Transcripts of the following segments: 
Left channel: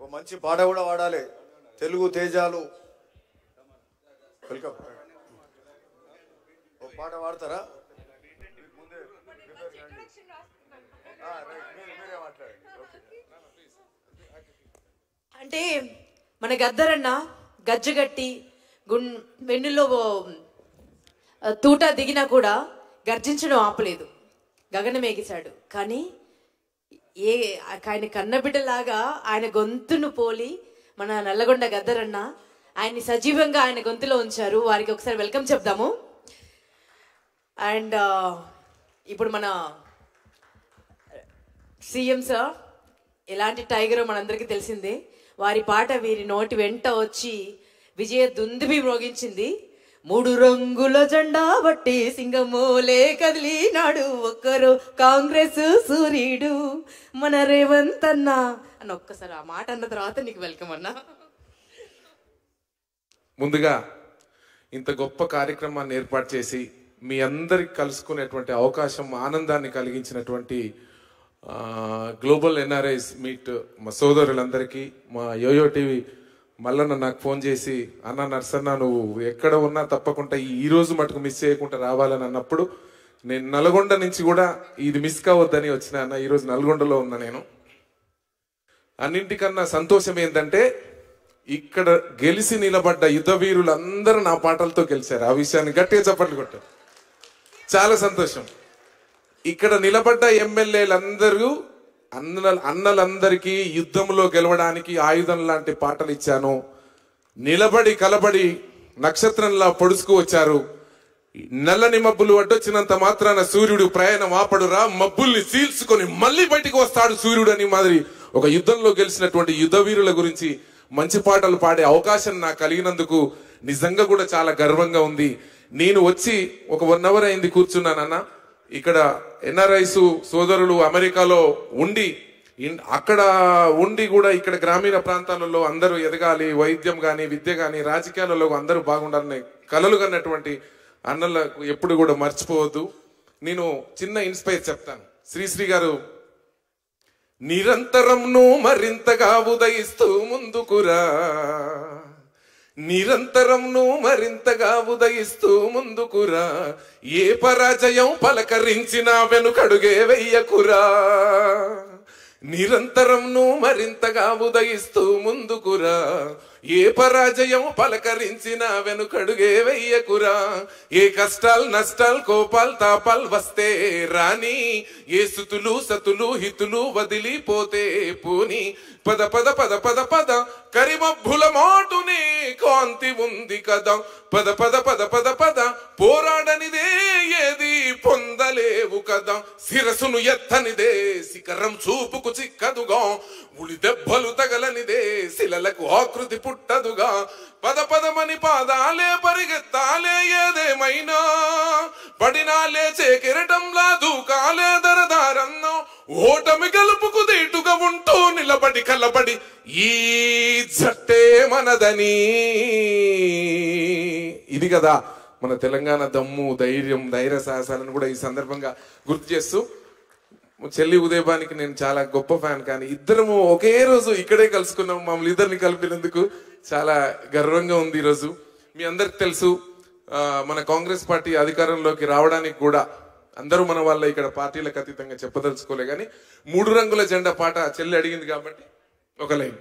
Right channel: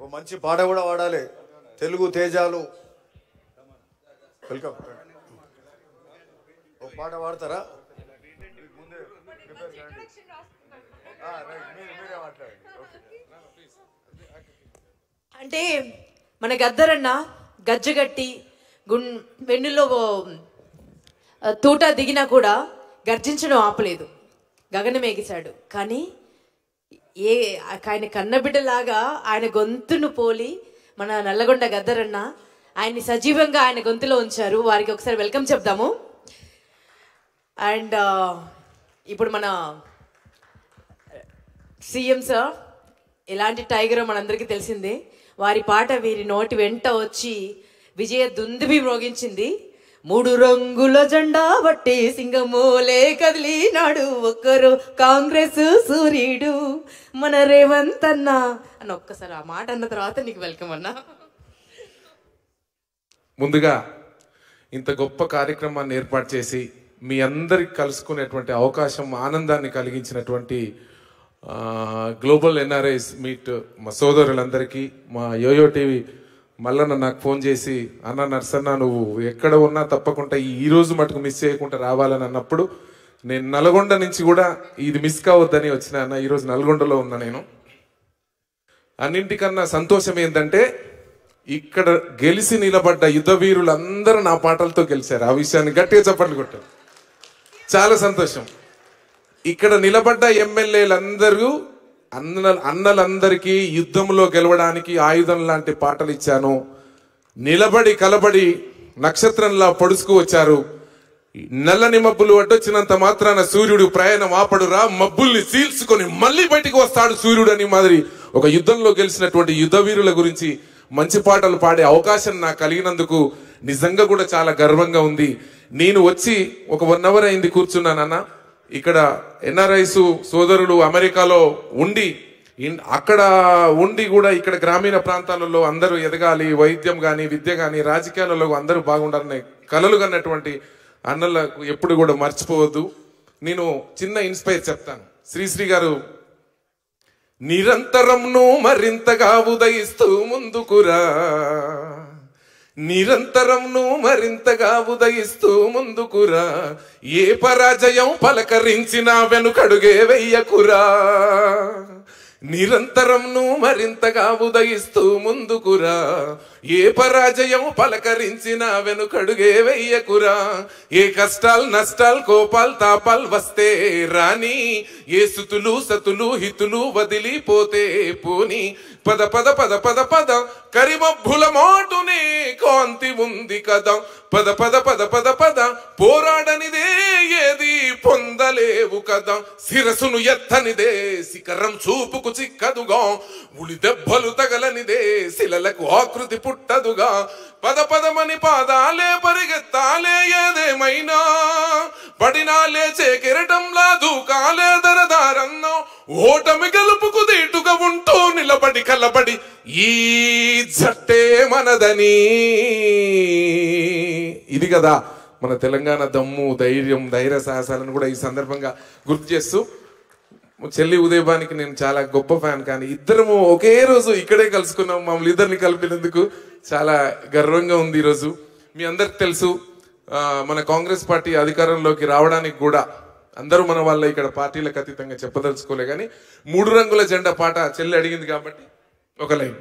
ఓ మంచి పాట కూడా వాడాలి. తెలుగు తేజాలు వెల్కమ్. ఓ పాట వాడతారా? అంటే మన గద్దరన్న గజ్జగట్టి వెన్నులో తూట దిగినా కూడా గర్జించడం ఆపలేదు, గగనమేగిశాడు. కానీ ఆయన కన్నబిడ్డలాగా ఆయన గొంతును పోలి మన నల్లగొండ గద్దరన్న ఆయన్ని సజీవంగా ఆయన గొంతులో ఉంచారు. వారికి ఒకసారి వెల్కమ్ చెప్దాము. అండ్ ఇప్పుడు మన సీఎం సార్ ఎలాంటి టైగరో మనందరికీ తెలిసిందే. వారి పాట వీరి నోటి వెంట వచ్చి విజయ దుందుబి మ్రోగించింది. 3 రంగుల జెండా బట్టి సింగమోలే కదిలినాడు, ఒక్కరు కాంగ్రెస్ సూర్యుడు మన రేవంత్ అన్న అని ఒక్కసారి ఆ మాట అన్న తర్వాత నీకు వెల్కమ్ అన్నా. ముందుగా ఇంత గొప్ప కార్యక్రమాన్ని ఏర్పాటు చేసి మీ అందరికి కలుసుకునేటువంటి అవకాశం, ఆనందాన్ని కలిగించినటువంటి గ్లోబల్ ఎన్ఆర్ఐస్ మీట్ మా సోదరులందరికీ, మా యోయో టీవీ మల్లన్న నాకు ఫోన్ చేసి, అన్న నర్సన్న నువ్వు ఎక్కడ ఉన్నా తప్పకుండా ఈ రోజు మటుకు మిస్ చేయకుండా రావాలని అన్నప్పుడు నేను నల్గొండ నుంచి కూడా ఇది మిస్ కావద్దని వచ్చిన అన్న. ఈరోజు నల్గొండలో ఉన్నా నేను. అన్నింటికన్నా సంతోషం ఏంటంటే ఇక్కడ గెలిచి నిలబడ్డ యుద్ధ వీరులందరూ నా పాటలతో గెలిచారు. ఆ విషయాన్ని గట్టిగా చప్పట్లు కొట్టారు. చాలా సంతోషం. ఇక్కడ నిలబడ్డ ఎమ్మెల్యేలందరూ అన్నలందరికీ యుద్ధంలో గెలవడానికి ఆయుధం లాంటి పాటలు ఇచ్చాను. నిలబడి కలబడి నక్షత్రంలా పొడుచుకు వచ్చారు. నల్లని మబ్బులు అడ్డొచ్చినంత మాత్రాన సూర్యుడు ప్రయాణం ఆపడురా, మబ్బుల్ని చీల్చుకొని మళ్ళీ బయటికి వస్తాడు సూర్యుడు అని మాదిరి ఒక యుద్ధంలో గెలిచినటువంటి యుద్ధ వీరుల గురించి మంచి పాటలు పాడే అవకాశం నాకు కలిగినందుకు నిజంగా కూడా చాలా గర్వంగా ఉంది. నేను వచ్చి ఒక 1 hour అయింది కూర్చున్నానన్న. ఇక్కడ ఎన్ఆర్ఐస్ సోదరులు అమెరికాలో ఉండి అక్కడ ఉండి కూడా ఇక్కడ గ్రామీణ ప్రాంతాలలో అందరూ ఎదగాలి, వైద్యం కానీ విద్య కానీ రాజకీయాలలో అందరూ బాగుండాలని కలలు కన్నటువంటి అన్నలకు ఎప్పుడు కూడా మర్చిపోవద్దు. నేను చిన్న ఇన్స్పైర్ చెప్తాను. శ్రీశ్రీ గారు నిరంతరంను మరింతగా ఉదయిస్తూ ముందుకురా, నిరంతరంను మరింతగా ఉదయిస్తూ ముందుకురా, ఏ పరాజయం పలకరించినా వెనుకడుగే వెయ్యకురా, నిరంతరంను మరింతగా ఉదయిస్తూ ముందుకురా, ఏ పరాజయం పలకరించినా వెనుకడుగే వెయ్యకురా, ఏ కష్టాలు నష్టాలు కోపాలు తాపాలు వస్తే రాని, ఏ స్థుతులు సతులు హితులు వదిలిపోతే పోని, పద పద పద పద పద కరిమబ్బుల మాటుని కాంతి ఉంది కదా, పద పద పద పద పద పోరాడనిదే ఏది పొందలేవు కదా, శిరసును ఎత్తనిదే శిఖరం చూపుకు చిక్కదుగా, ఉలి దెబ్బలు తగలనిదే శిలలకు ఆకృతి పుట్టదుగా, పద పదమని పాదాలే పరిగెత్తాలే ఏదేమైనా, పడినా లేచే కిరటంలా దూకాలే దరదారన్నో, ఓటమి గెలుపుకు దీటుగా ఉంటూ నిలబడి కలబడి ఈ జట్టే మనదని. ఇది కదా మన తెలంగాణ దమ్ము, ధైర్యం, ధైర్య సాహసాలను కూడా ఈ సందర్భంగా గుర్తు చేస్తూ, చెల్లి ఉదయబానికి నేను చాలా గొప్ప ఫ్యాన్. కానీ ఇద్దరము ఒకే రోజు ఇక్కడే కలుసుకున్నాం. మమ్మల్ని ఇద్దరిని కలిపినందుకు చాలా గర్వంగా ఉంది. ఈరోజు మీ అందరికి తెలుసు, మన కాంగ్రెస్ పార్టీ అధికారంలోకి రావడానికి కూడా అందరూ మన వాళ్ళ ఇక్కడ పార్టీలకు అతీతంగా చెప్పదలుచుకోలే. కానీ 3 రంగుల జెండా పాట చెల్లి అడిగింది కాబట్టి ఒక లైన్.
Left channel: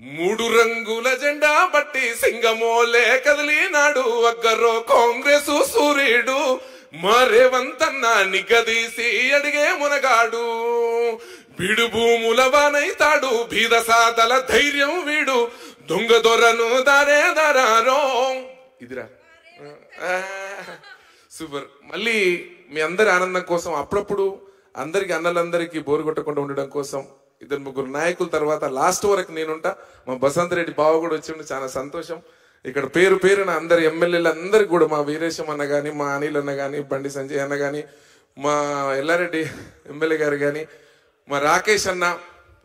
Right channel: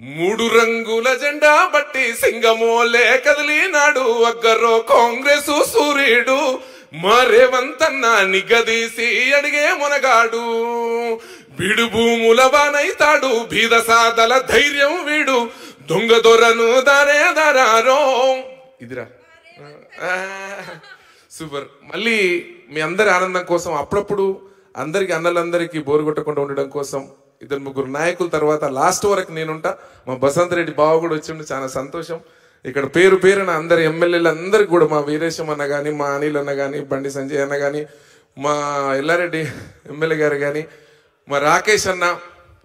3 రంగుల జెండా బట్టి సింగమోలే కదిలినాడు, అగ్గరో కాంగ్రెస్ సూర్యుడు మా రేవంత్ అన్న నిగదీసి అడిగే మునగాడు, వీడు భూముల వానైతాడు బీద సాదల ధైర్యం వీడు, దొంగ దొరను దారే దారారో. ఇదిరా సూపర్. మళ్ళీ మీ అందరి ఆనందం కోసం అప్పుడప్పుడు అందరికి అన్నలందరికీ బోరు కొట్టకుండా ఉండడం కోసం 2-3 నాయకుల తర్వాత లాస్ట్ వరకు నేనుంటా. మా బసంత్ రెడ్డి బావ కూడా వచ్చి చాలా సంతోషం. ఇక్కడ పేరు పేరున అందరు ఎమ్మెల్యేలు అందరికి కూడా, మా వీరేశం అన్న కానీ, మా అనిల్ అన్న కానీ, బండి సంజయ్ అన్న కానీ, మా ఎల్లారెడ్డి ఎమ్మెల్యే గారు కానీ, మా రాకేష్ అన్న,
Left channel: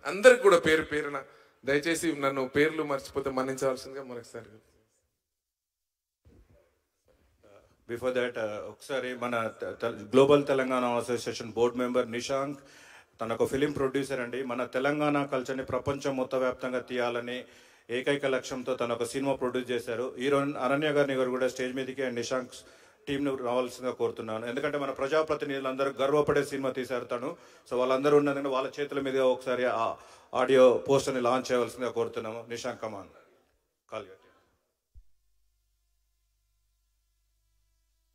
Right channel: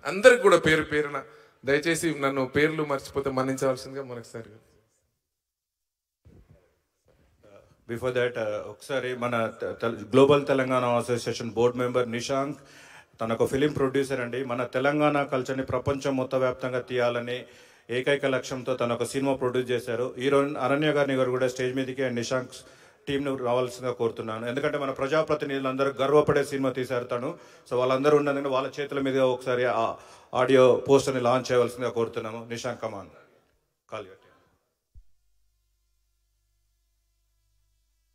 అందరికి కూడా పేరు పేరున దయచేసి నన్ను పేర్లు మర్చిపోతే మన్నించవలసిందిగా మరొకసారి. బిఫోర్ దట్ ఒకసారి మన global Telangana association board member Nishank తను ఒక ఫిలిం ప్రొడ్యూసర్ అండి. మన తెలంగాణ కల్చర్ని ప్రపంచం మొత్తం వ్యాప్తంగా తీయాలని ఏకైక లక్ష్యంతో తను ఒక సినిమా ప్రొడ్యూస్ చేశారు. ఈరోజు అరణ్య గారిని గారు కూడా స్టేజ్ మీదకి అండ్ నిశాంక్ టీంను రావాల్సిందిగా కోరుతున్నాను. ఎందుకంటే మన ప్రజాప్రతినిధులందరూ గర్వపడే సినిమా తీశారు తను. సో వాళ్ళందరూ ఉన్నందుకు వాళ్ళ చేతుల మీద ఒకసారి ఆ ఆడియో పోస్టర్ని లాంచ్ చేయవలసిందిగా కోరుతున్నాము. నిశాంక్ కమాన్ కాల్.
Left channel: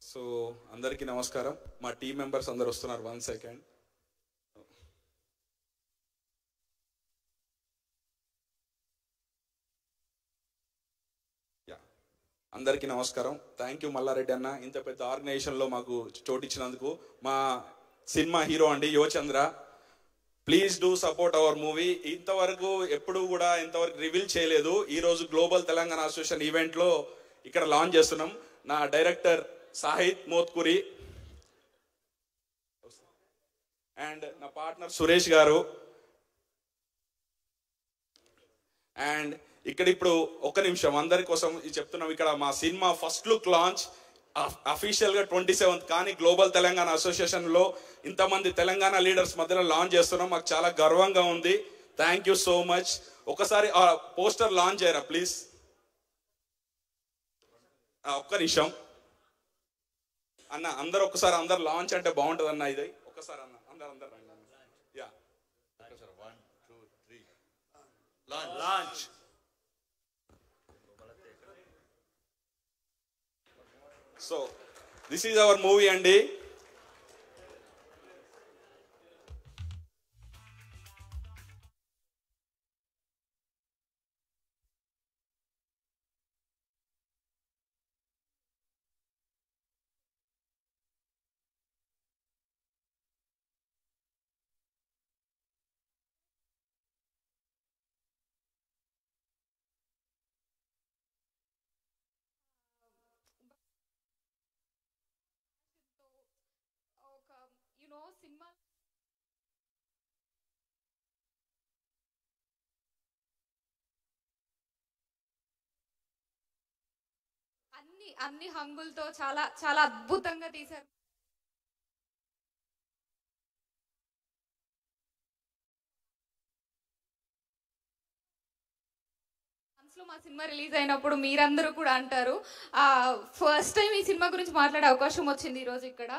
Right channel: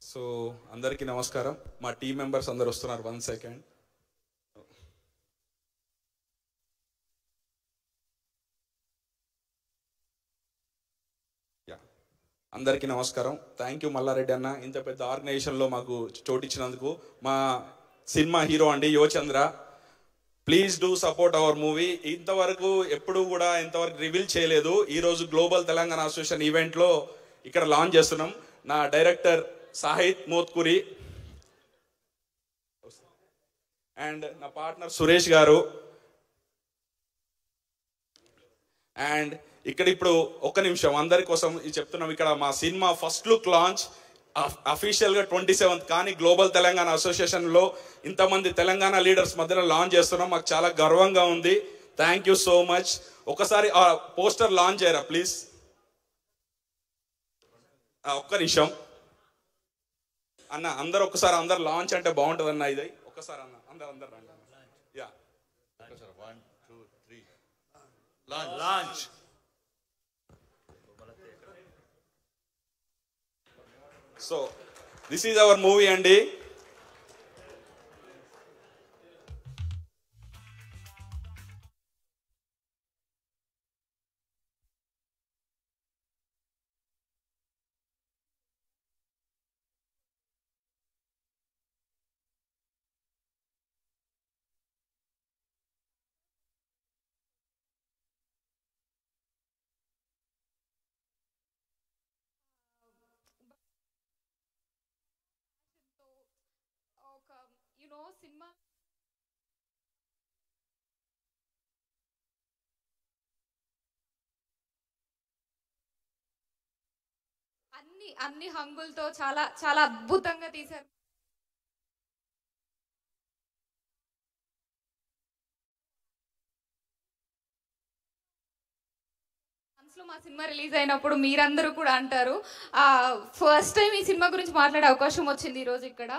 సో అందరికీ నమస్కారం. మా టీం మెంబర్స్ అందరు వస్తున్నారు. 1 సెకండ్. అందరికీ నమస్కారం. థ్యాంక్ యూ మల్లారెడ్డి అన్న, ఇంత పెద్ద ఆర్గనైజేషన్లో మాకు చోటు ఇచ్చినందుకు. మా సినిమా హీరో అండి Yuvachandra. Please do support our movie. ఇంతవరకు ఎప్పుడు కూడా ఇంతవరకు రివీల్ చేయలేదు. ఈరోజు గ్లోబల్ తెలంగాణ అసోసియేషన్ ఈవెంట్లో ఇక్కడ లాంచ్ చేస్తున్నాం. నా డైరెక్టర్ సాహిత్ మోత్కూరి అండ్ నా పార్ట్నర్ సురేష్ గారు. అండ్ ఇక్కడ ఇప్పుడు ఒక్క నిమిషం అందరి కోసం చెప్తున్నాం. ఇక్కడ మా సినిమా ఫస్ట్ లుక్ లాంచ్ అఫీషియల్గా 27th, కానీ గ్లోబల్ తెలంగాణ అసోసియేషన్లో ఇంతమంది తెలంగాణ లీడర్స్ మధ్యలో లాంచ్ చేస్తున్నాం. మాకు చాలా గర్వంగా ఉంది. Thank you so much. ఒకసారి ఆ పోస్టర్ లాంచ్ చేయరా ప్లీజ్. ఒక్క నిమిషం అన్న, అందరు ఒకసారి అందరు లాంచ్ అంటే బాగుంటుంది అన్న. ఇది ఒక్కసారి అన్న అందరు రండి. Yeah 1 2 3 launch. So this is our movie అండి. సినిమా అన్ని హంగులతో చాలా చాలా అద్భుతంగా తీశారు. మనసులో మా సినిమా రిలీజ్ అయినప్పుడు మీరందరూ కూడా అంటారు, ఫస్ట్ టైం ఈ సినిమా గురించి మాట్లాడే అవకాశం వచ్చింది ఈరోజు ఇక్కడ.